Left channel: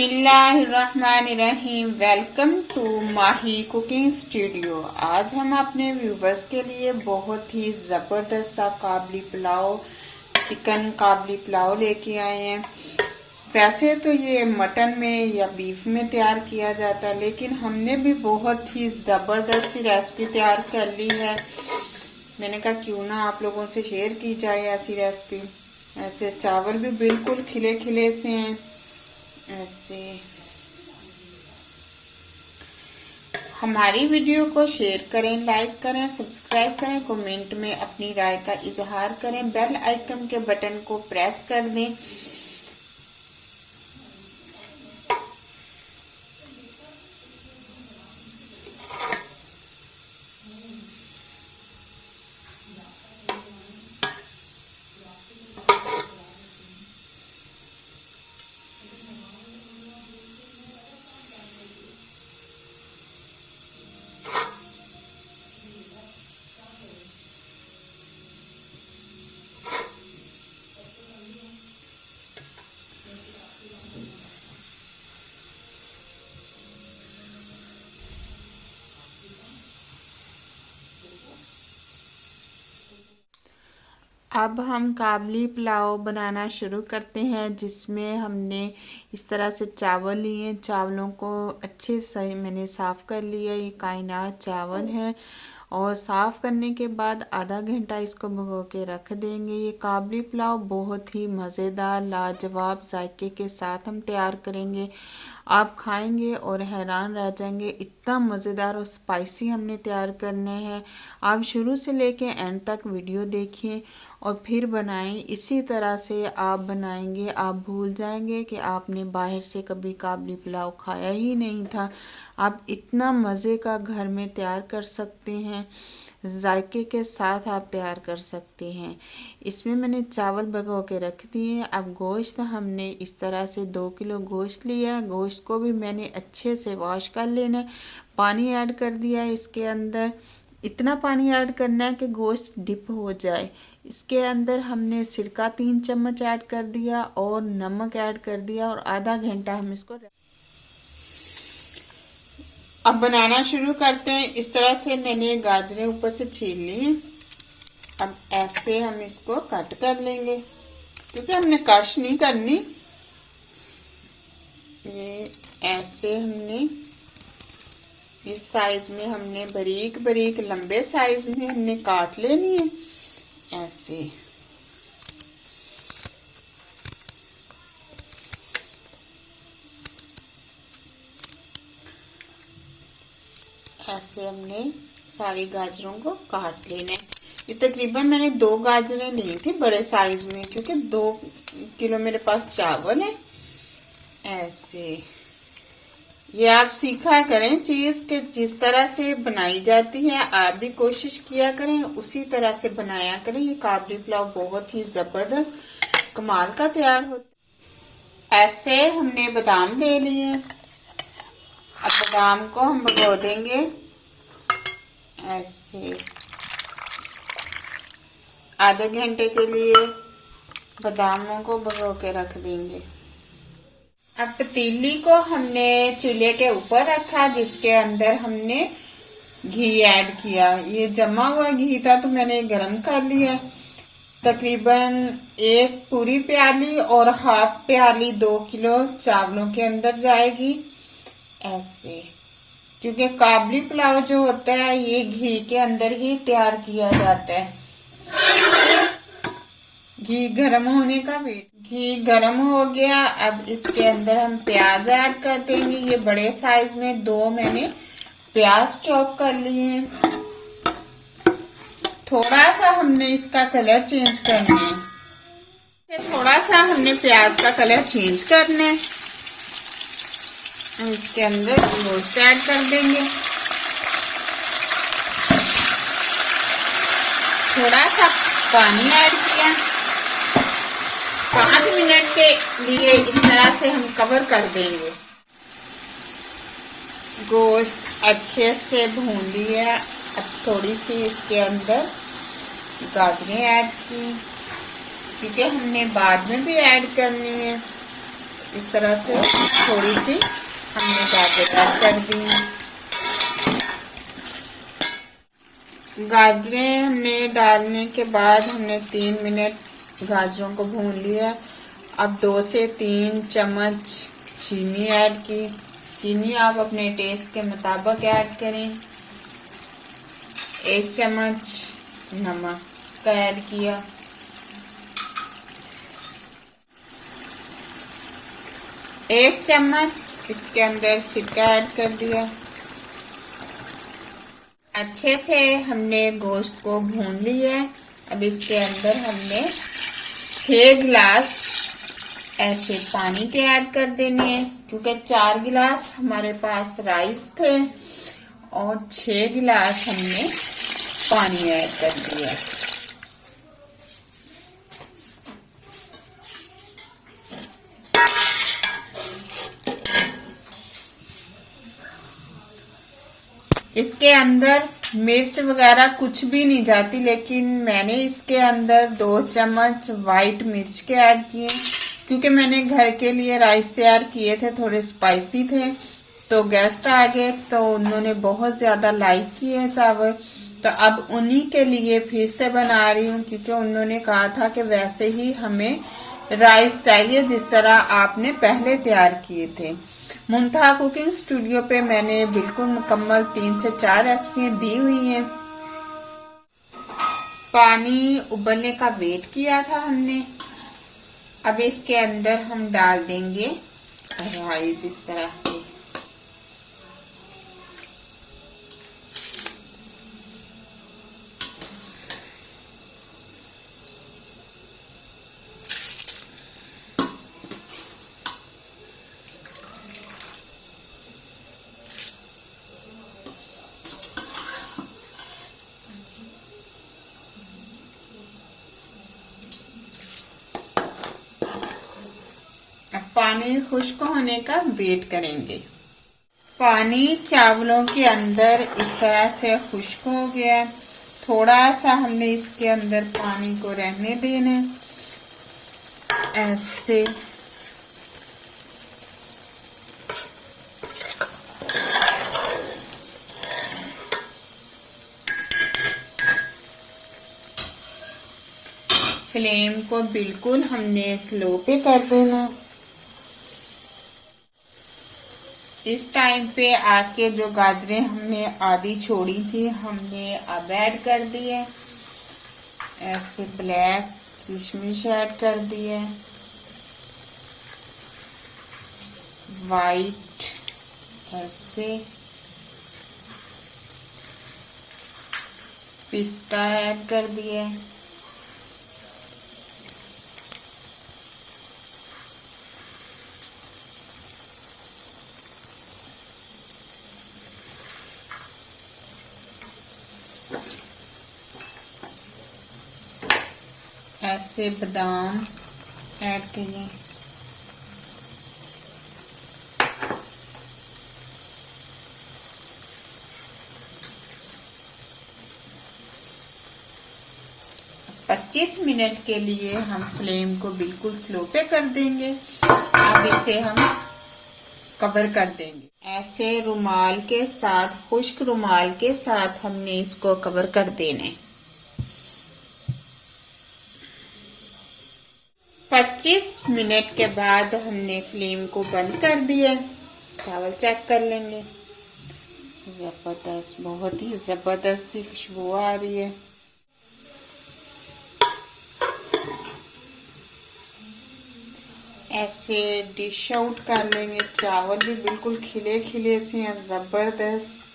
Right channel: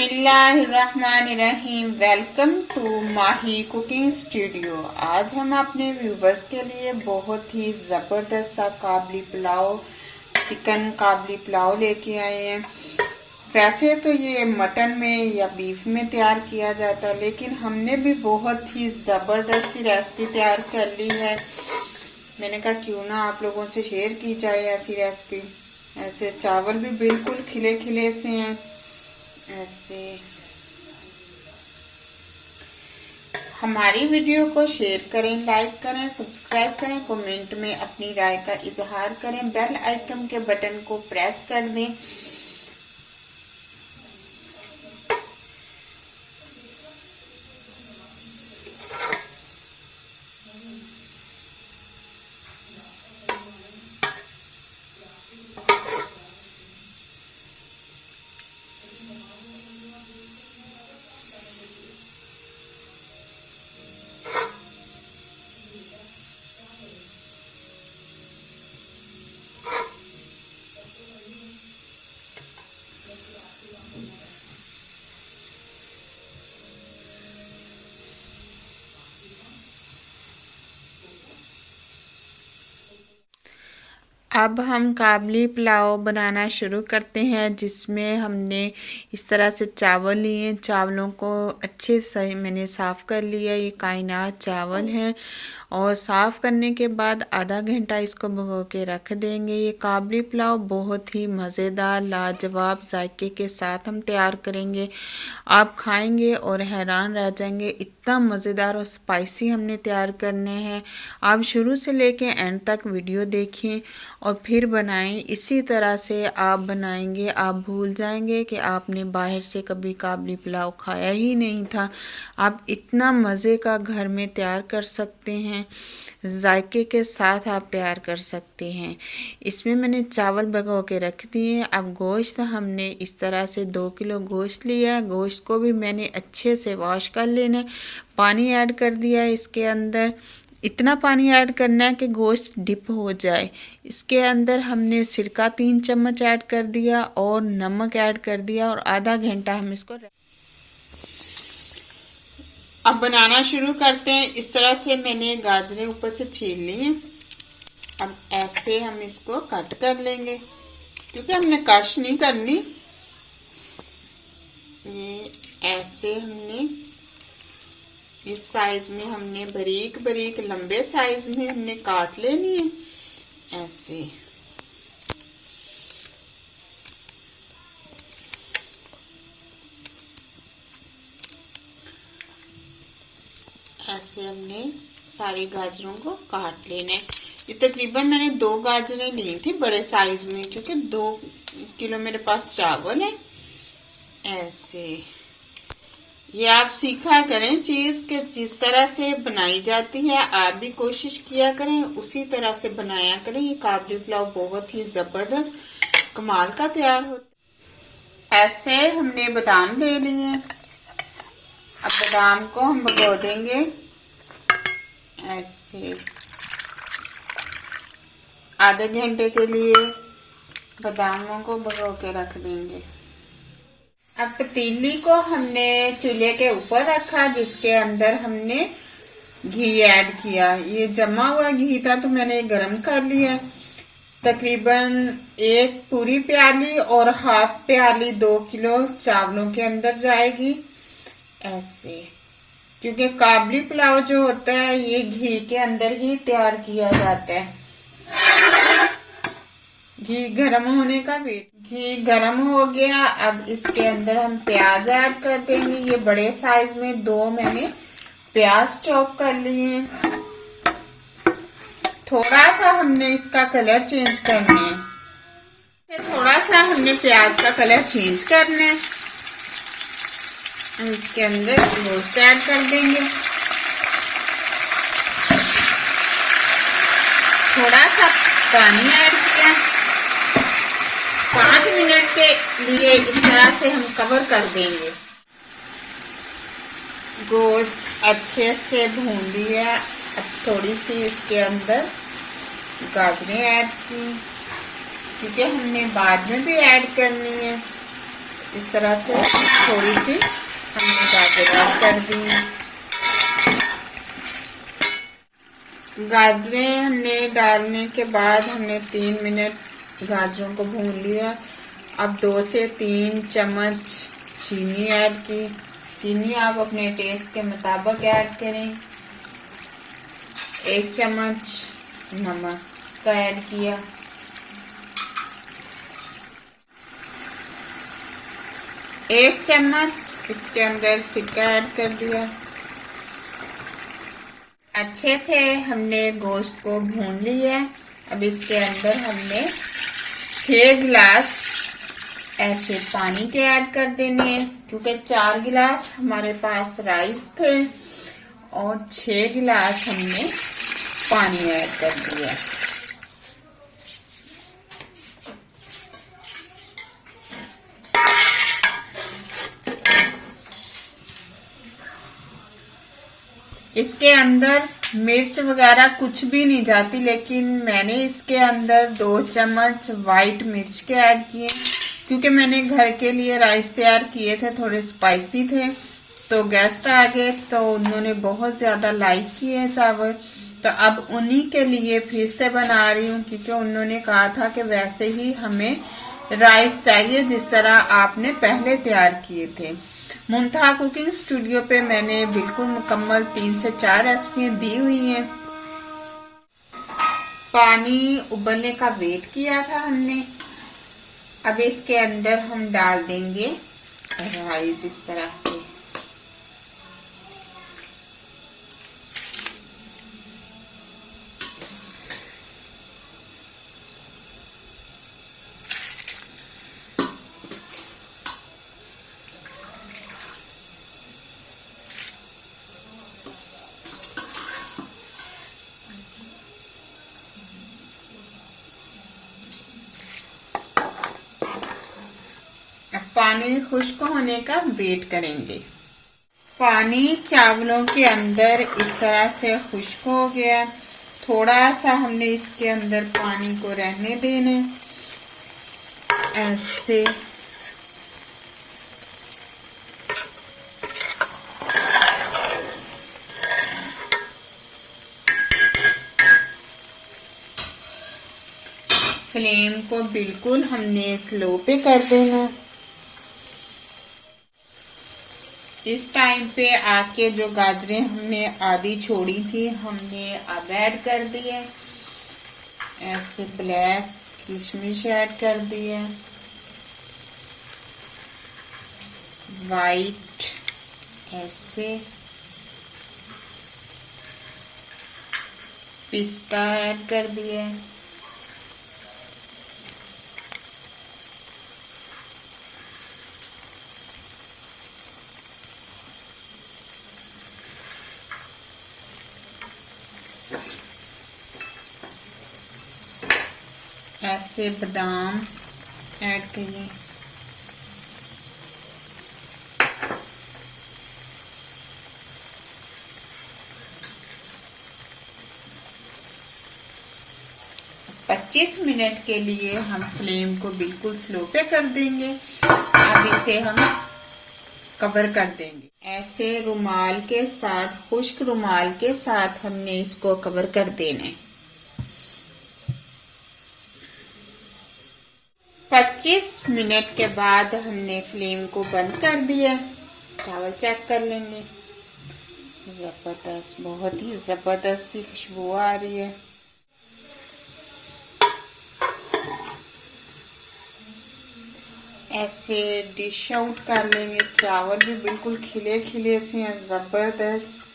बिस्मिल्लाहिर्रहमानिर्रहीम। Welcome to Mahi cooking studio. आज हम अपने व्यूवर्स के लिए बहुत ही ज़बरदस्त सा काबली पुलाव, चिकन काबली पुलाव लेके आए हैं। वैसे तो ये मटन में या बीफ में तैयार किया जाता है, लेकिन हमने भी बहुत ही ज़बरदस्त सी रेसिपी तैयार कर ली है। मैंने कहा क्यों ना आप लोगों से शेयर की जाए ऐसी रेसिपी। ऐसे चावल भी बिल्कुल खिले खिले से हैं। ऐसे हमारी वीडियो को शेयर करें, लाइक करें, सब्सक्राइब करें, कमेंट में अपनी राय का इजहार करें, बेल आइकन के बटन को प्रेस कर दें। अब हम काबली पुलाव बनाना शुरू करते हैं, जिसमें हमने इस तरह से चावल लिए। चावलों को अच्छे से मैंने साफ़ कर लिया। ये कायनात चावल हैं और साफ़ करने के बाद आधा घंटा इसको भिगो के रख देंगे। ये काबली पुलाव बहुत ही मज़ेदार लाजवाब जायके के साथ हम तैयार करेंगे। आप खाएंगे और हैरान रह जाएंगे, इतना मज़ेदार और स्पाइसी हमने तैयार करने हैं। आप शुरू से लेके एंड तक वीडियो देखें और फिर बनाएं। इसी तरह से आप बनाएंगे, आप भूल जाएंगे कि आपने बाहर से कभी काबली पुलाव खाया ही नहीं था। आप इतना मज़े का घर में तैयार कर सकते हैं, जायके के साथ आप तैयार कर सकते हैं। इसमें मैंने चावल भिगो के रख दिए। अब गोश्त हमने इस तरह से 2 किलो गोश्त लिया। गोश्त को भी मैंने अच्छे से वॉश कर लेना। पानी ऐड कर दिया इसके अंदर। इतना पानी ऐड करना है कि गोश्त डिप हो जाए। इसके अंदर हमने सिरका 3 चम्मच ऐड कर दिया और नमक ऐड कर दिया और आधा घंटा हम इसको अब बनाना शुरू करते हैं। इस तरह से मैंने गाजरें ऊपर से छील ली हैं। अब ऐसे हम इसको कट कर लेंगे, क्योंकि हमने कश नहीं करनी। ये ऐसे हमने इस साइज में हमने बारीक बारीक लंबे साइज में हमने काट लेनी है। ऐसे ऐसे हमने सारी गाजरों को काट लेना है। ये तकरीबन मैंने 2 गाजरें ली थी बड़े साइज में, क्योंकि 2 किलो मेरे पास चावल है। ऐसे ये आप सीखा करें चीज के जिस तरह से बनाई जाती है, आप भी कोशिश किया करें, उसी तरह से बनाया करें। ये काबली पुलाव बहुत ही जबरदस्त कमाल का तैयार होता है। ऐसे हमने बादाम ले लिए। अब बादाम को हम भिगो देंगे ऐसे आधे घंटे के लिए। बादामों को भिगो के रख देंगे। अब पतीली को हमने चूल्हे के ऊपर रखा, जिसके अंदर हमने घी ऐड किया। ये जमा हुआ घी था तो मैंने गरम कर लिया। तकरीबन 1 पूरी प्याली और हाफ प्याली 2 किलो चावलों के अंदर जाएगी। ऐसे, क्योंकि काबली पुलाव जो होता है ये घी के अंदर ही तैयार किया जाता है। घी गरम होने का वेट। घी गरम हो गया। अब इसके अंदर हम प्याज ऐड कर देंगे। ये बड़े साइज में 2 मैंने प्याज चॉप कर लिए। थोड़ा सा हमने इसका कलर चेंज करना है। थोड़ा सा हमने प्याज का कलर चेंज करना है। इसके अंदर गोश्त ऐड कर देंगे। थोड़ा सा पानी ऐड किया। 5 मिनट के लिए इस तरह से हम कवर कर देंगे। गोश्त अच्छे से भून लिया। अब थोड़ी सी इसके अंदर गाजरें ऐड की, क्योंकि हमने बाद में भी ऐड करनी है। इस तरह से थोड़ी सी हमने गाजर ऐड कर दी। गाजरें हमने डालने के बाद हमने 3 मिनट गाजरों को भून लिया। अब 2 से 3 चम्मच चीनी ऐड की। चीनी आप अपने टेस्ट के मुताबिक ऐड करें। 1 चम्मच नमक का ऐड किया। एक चम्मच इसके अंदर सिरका ऐड कर दिया। अच्छे से हमने गोश्त को भून लिया है। अब इसके अंदर हमने 6 गिलास ऐसे पानी के ऐड कर देने हैं, क्योंकि 4 गिलास हमारे पास राइस थे और 6 गिलास हमने पानी ऐड कर दिया। इसके अंदर मिर्च वगैरह कुछ भी नहीं जाती, लेकिन मैंने इसके अंदर 2 चम्मच वाइट मिर्च के ऐड किए, क्योंकि मैंने घर के लिए राइस तैयार किए थे, थोड़े स्पाइसी थे। तो गेस्ट आ गए तो उन्होंने बहुत ज्यादा लाइक किए चावल, तो अब उन्हीं के लिए फिर से बना रही हूँ, क्योंकि उन्होंने कहा था कि वैसे ही हमें राइस चाहिए जिस तरह आपने पहले तैयार किए थे। मुंतहा कुकिंग स्टूडियो पे मैंने बिल्कुल मुकम्मल 3 से 4 रेसिपी दी हुई हैं। पानी उबलने का वेट किया था हमने। अब इसके अंदर हम डाल देंगे राइस इस तरह से। पानी खुश्क होने का वेट करेंगे। पानी चावलों के अंदर इस तरह से खुश्क हो गया। थोड़ा सा हमने इसके अंदर पानी को रहने देना ऐसे। फ्लेम को बिल्कुल हमने स्लो पे कर देना। इस टाइम पे आके जो गाजरें हमने आधी छोड़ी थी हमने अब ऐड कर दिए। ऐसे ब्लैक किशमिश ऐड कर दिए, वाइट ऐसे पिस्ता ऐड कर दिए, ऐसे बादाम ऐड किए, पच्चीस मिनट के लिए हम फ्लेम को बिल्कुल स्लो पे कर देंगे। अब इसे हम कवर कर देंगे। ऐसे रुमाल के साथ, खुश्क रुमाल के साथ हमने इसको कवर कर देना है। 25 मिनट के बाद हमने फ्लेम को बंद कर दिया। चावल चेक कर लेंगे। जबरदस्त, बहुत ही जबरदस्त सी खुशबू आ रही है। ऐसे डिश आउट कर लेंगे। चावल भी बिल्कुल खिले खिले से हैं, जबरदस्त